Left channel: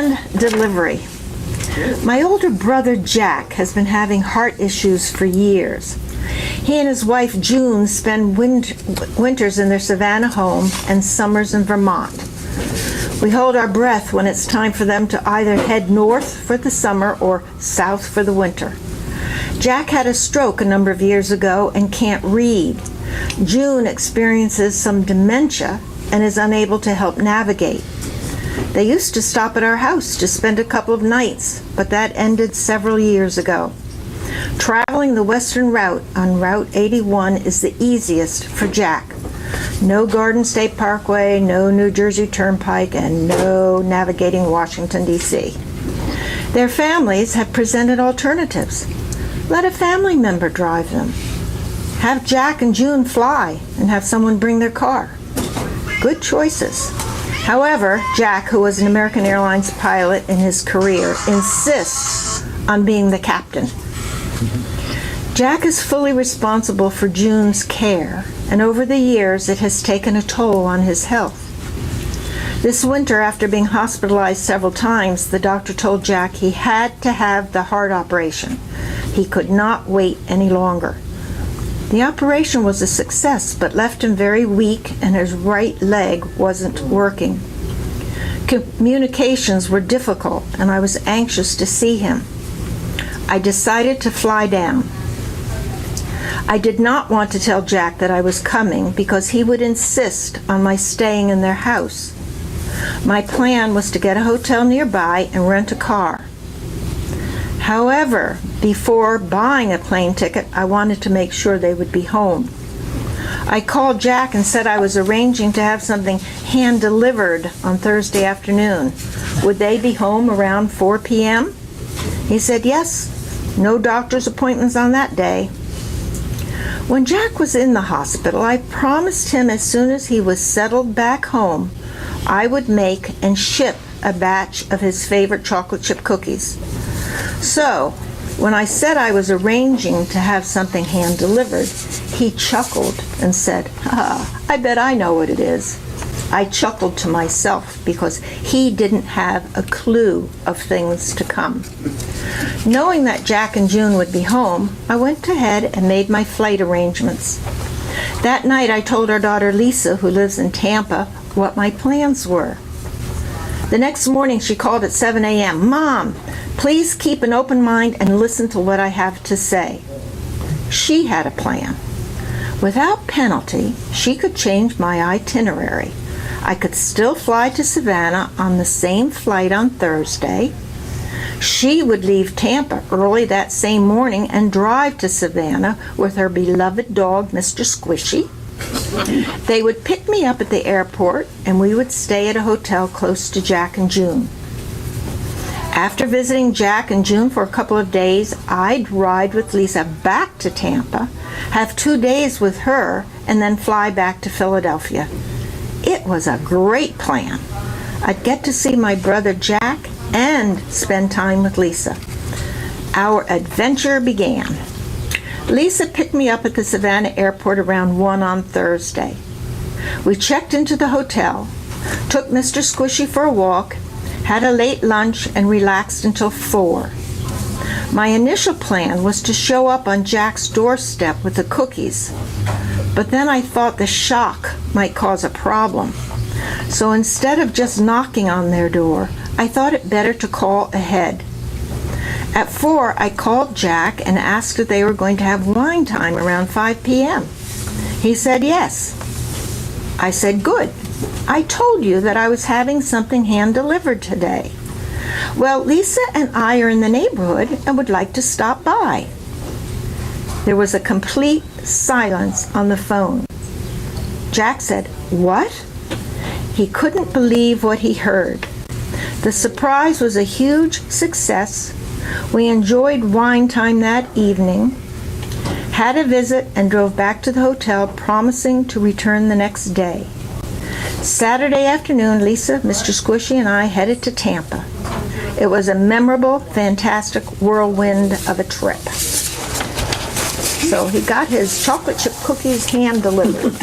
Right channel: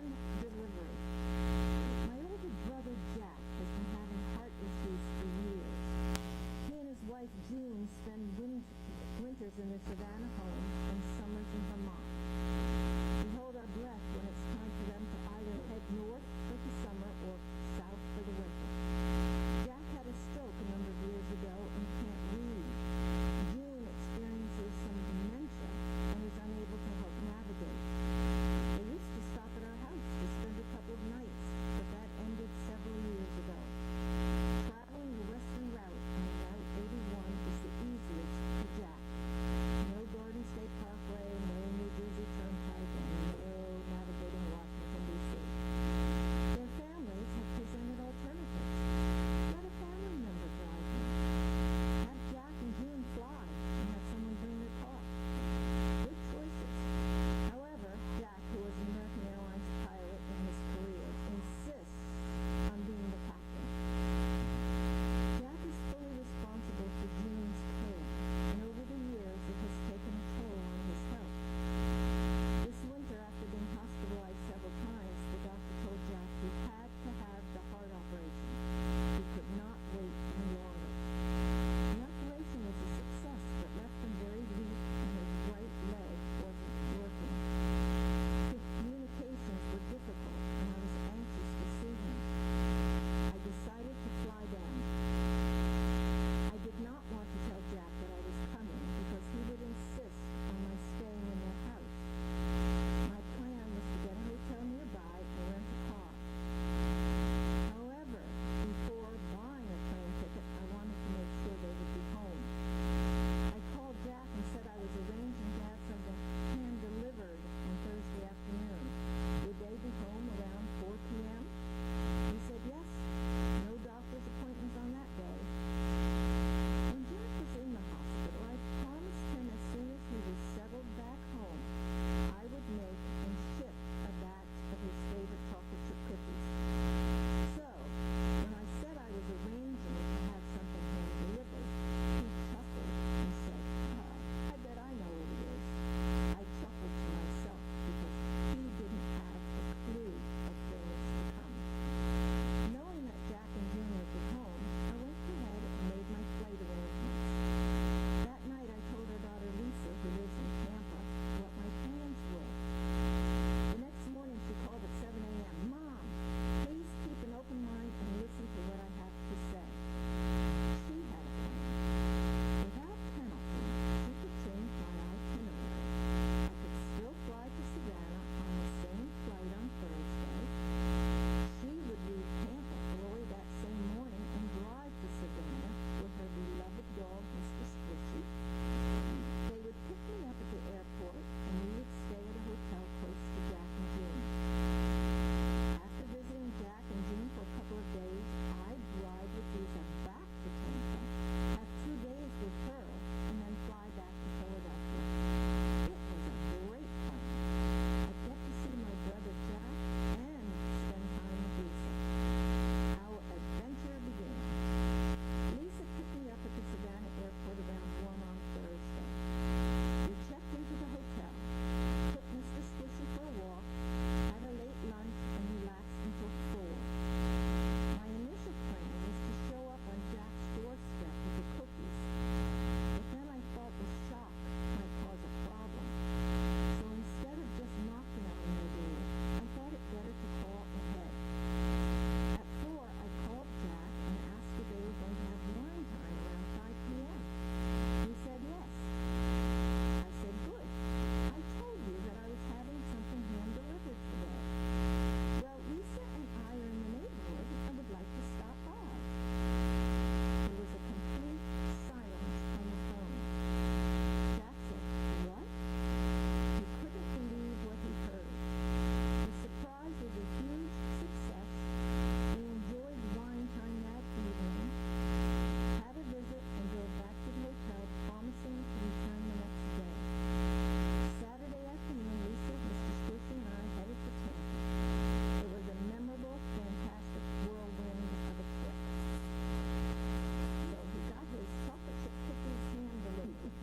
Hand delivery. My older brother Jack has been having heart issues for years. He and his wife June spend winters in their Savannah home and summers in Vermont. We hold our breath when it's time for them to either head north for the summer or south for the winter. Jack had a stroke a number of years ago and can't read. June experiences some dementia and is unable to help navigate. They used to stop at our house to spend a couple of nights, but that ended several years ago. Traveling the western route on Route 81 is the easiest for Jack. No Garden State Parkway, no New Jersey Turnpike, and no navigating Washington, D.C. Their families have presented alternatives. Let a family member drive them. Have Jack and June fly and have someone bring their car. Good choices. However, Jack, who was an American Airlines pilot in his career, insists on being the captain. Jack is fully responsible for June's care, and over the years it has taken a toll on his health. This winter, after being hospitalized several times, the doctor told Jack he had to have the heart operation. He could not wait any longer. The operation was a success, but left him very weak, and his right leg wasn't working. Communications were difficult, and I was anxious to see him. I decided to fly down. I did not want to tell Jack that I was coming because he would insist on my staying in their house. My plan was to get a hotel nearby and rent a car. However, before buying a plane ticket, I wanted to make sure they would be home. I called Jack and said I was arranging to have something hand-delivered on Thursday afternoon. Would they be home around 4 p.m.? He said yes. No doctor's appointments on that day. When Jack was in the hospital, I promised him as soon as he was settled back home, I would make and ship a batch of his favorite chocolate chip cookies. So, when I said I was arranging to have something hand-delivered, he chuckled and said, I bet I know what it is. I chuckled to myself because he didn't have a clue of things to come. Knowing that Jack and June would be home, I went ahead and made my flight arrangements. That night I told our daughter Lisa, who lives in Tampa, what my plans were. The next morning she called at 7 a.m. Mom, please keep an open mind and listen to what I have to say. She had a plan. Without penalty, she could change my itinerary. I could still fly to Savannah on the same flight on Thursday. She would leave Tampa early that same morning and drive to Savannah with her beloved dog, Mr. Squishy. They would pick me up at the airport, and we would stay at a hotel close to Jack and June. After visiting Jack and June for a couple of days, I'd ride with Lisa back to Tampa, have 2 days with her, and then fly back to Philadelphia. It was a great plan. I'd get to see my brother Jack and spend time with Lisa. Our adventure began. Lisa picked me up at the Savannah airport around 1 on Thursday. We checked into the hotel, took Mr. Squishy for a walk, had a late lunch, and relaxed until 4. My initial plan was to show up on Jack's doorstep with the cookies, but then I thought the shock might cause a problem. So instead of just knocking on their door, I thought it better to call ahead. At 4, I called Jack and asked if they were going to have wine time around 5 p.m. He said yes. I said, good. I told you that I was having something hand-delivered today. Well, Lisa and I are in the neighborhood and would like to stop by. There was a complete silence on the phone. Jack said, what? He couldn't believe what he heard. The surprise was a huge success. We enjoyed wine time that evening, had a visit, and drove back to the hotel, promising to return the next day. Saturday afternoon, Lisa, Mr. Squishy, and I headed to Tampa. It was a memorable, fantastic whirlwind of a trip. So he got his chocolate chip cookies hand delivered.